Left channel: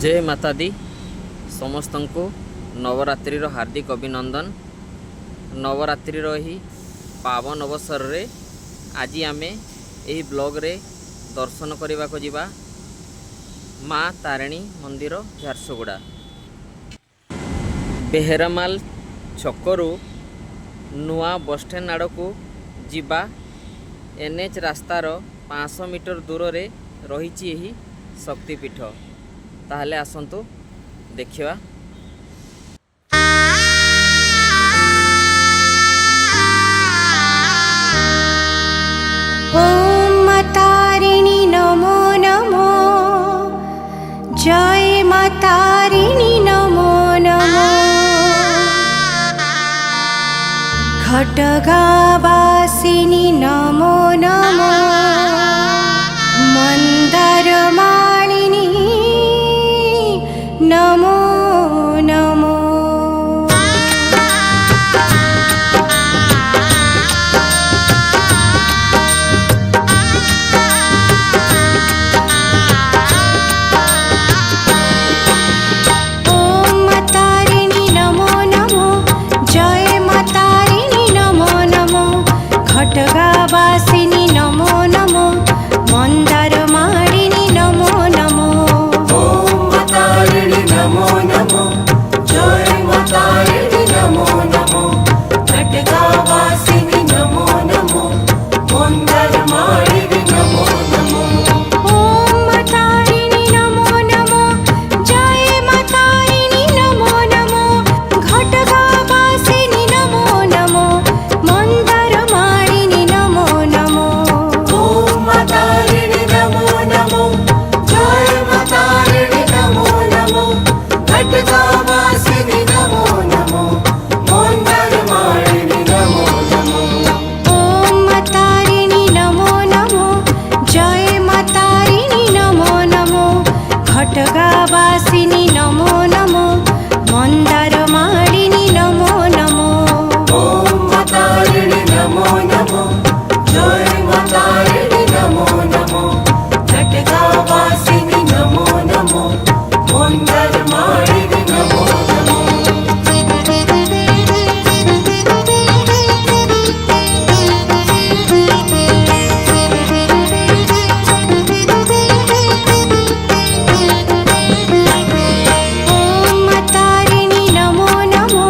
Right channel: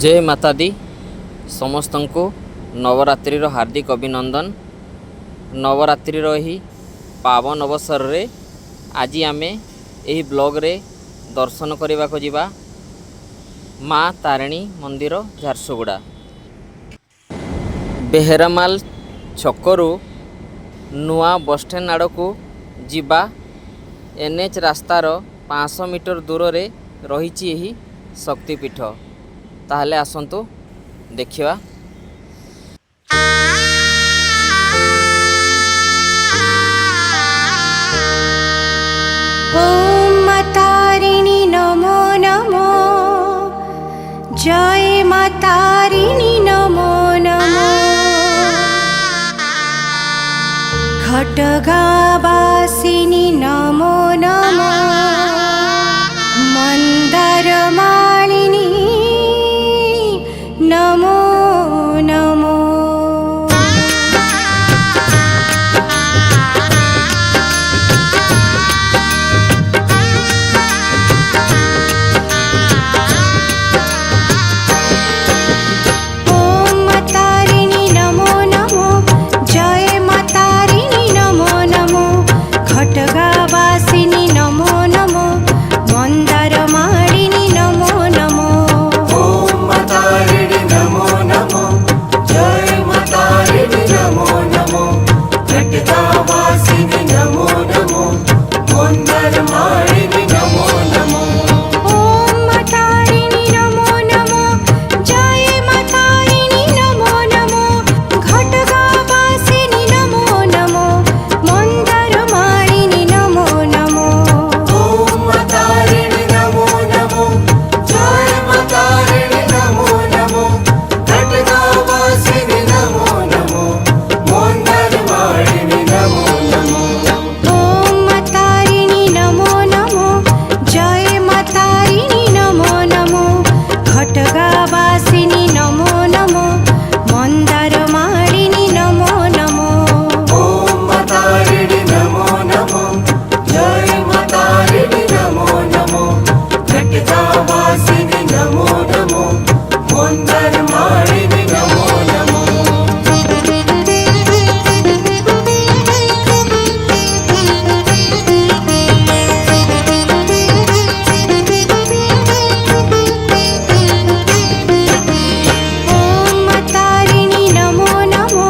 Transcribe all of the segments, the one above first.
जय माता दी समस्त को नवरात्रि हार्दिक अभिनंदन। नवरात्रि ही पावन अवसर रे आज आम यही ब्लॉग रे दर्शन करने को जीवा माँ तारिणी मंदिर झारसुगुड़ा। बेहेरामाल छकरू नुआ बस स्टैंड आड़ को जीवा एनएच रास्तार 500 मीटर दूर रे रही यही शक्तिपीठ। ताहले आसंतु देखिवा। ओम मातारिणी नमो नमो, जय मातारिणी नमो नमो। खड्गवासिनी नमो नमो, मंदारमालिनी नमो नमो। ओम मातारिणी नमो नमो, जय मातारिणी नमो नमो। खड्गवासिनी नमो नमो, मंदारमालिनी नमो नमो। ओम मातारिणी नमो नमो, जय मातारिणी नमो नमो। खड्गवासिनी नमो नमो, मंदारमालिनी नमो नमो। ओम मातारिणी नमो नमो, जय मातारिणी नमो नमो। खड्गवासिनी नमो नमो, मंदारमालिनी नमो नमो। ओम मातारिणी नमो नमो, जय मातारिणी नमो नमो। खड्गवासिनी नमो नमो, मंदारमालिनी नमो नमो। ओम मातारिणी नमो नमो, जय मातारिणी नमो नमो। खड्गवासिनी नमो नमो, मंदारमालिनी नमो नमो। ओम मातारिणी नमो नमो, जय मातारिणी नमो नमो। खड्गवासिनी नमो नमो, मंदारमालिनी नमो नमो। ओम मातारिणी नमो नमो,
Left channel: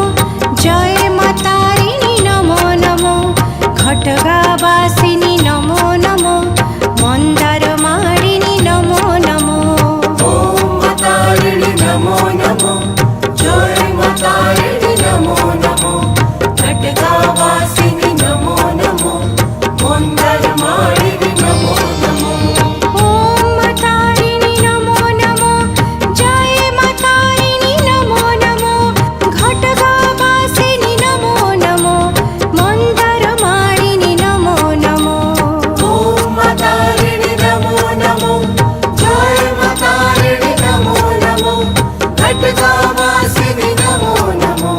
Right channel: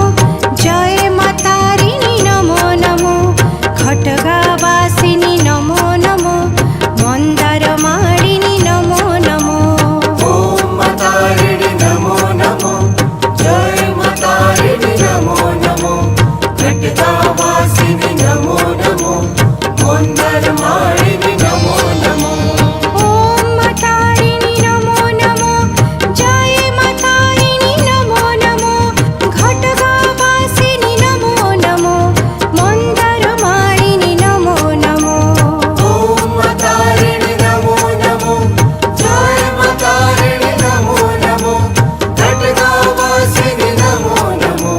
जय मातारिणी नमो नमो। खड्गवासिनी नमो नमो, मंदारमालिनी नमो नमो। ओम मातारिणी नमो नमो, जय मातारिणी नमो नमो। खड्गवासिनी नमो नमो, मंदारमालिनी नमो नमो। ओम मातारिणी नमो नमो, जय मातारिणी नमो नमो। खड्गवासिनी नमो नमो, मंदारमालिनी नमो नमो। ओम मातारिणी नमो नमो, जय मातारिणी नमो नमो। खड्गवासिनी नमो नमो,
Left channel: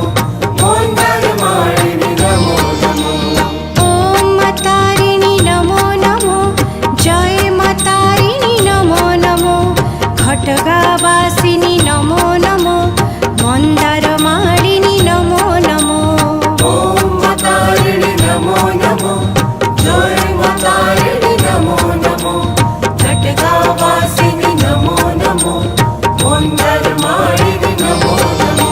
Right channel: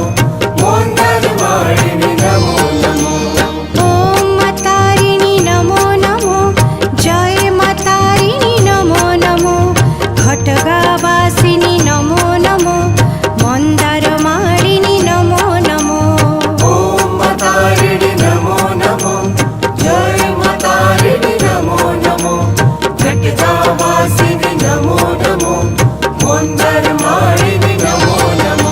मंदारमालिनी नमो नमो। ओम मातारिणी नमो नमो, जय मातारिणी नमो नमो। खड्गवासिनी नमो नमो, मंदारमालिनी नमो नमो। ओम मातारिणी नमो नमो, जय मातारिणी नमो नमो। खड्गवासिनी नमो नमो, मंदारमालिनी नमो नमो।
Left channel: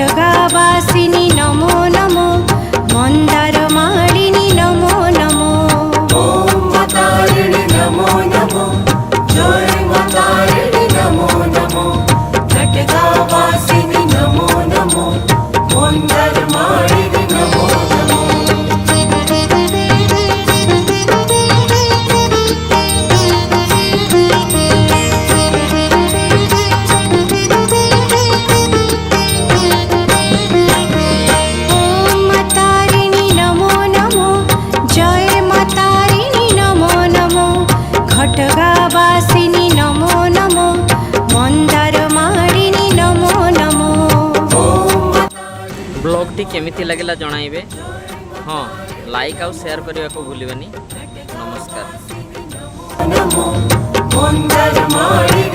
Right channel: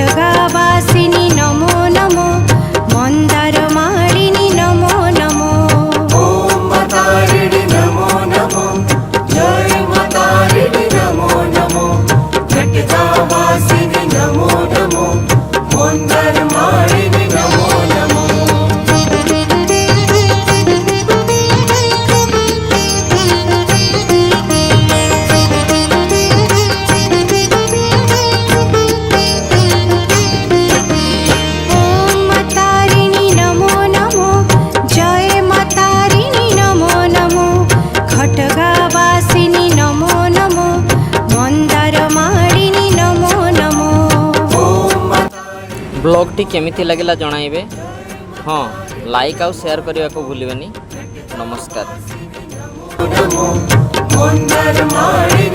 खड्गवासिनी नमो नमो मन्दारमालिनी नमो नमो ॐ तारिणि नमो नमो जय तारिणि नमो नमो खड्गवासिनि नमो नमो मन्दारमालिनि नमो नमो ॐ तारिणि नमो नमो जय तारिणि नमो नमो खड्गवासिनी नमो नमो मन्दारमालिनी नमो नमो ब्लॉगटी केमिति लगिला जणाइबे। हाँ, लाइक आउ शेयर करने को भूलिबेनी। नमस्कार। नमो मन्दारमालिनि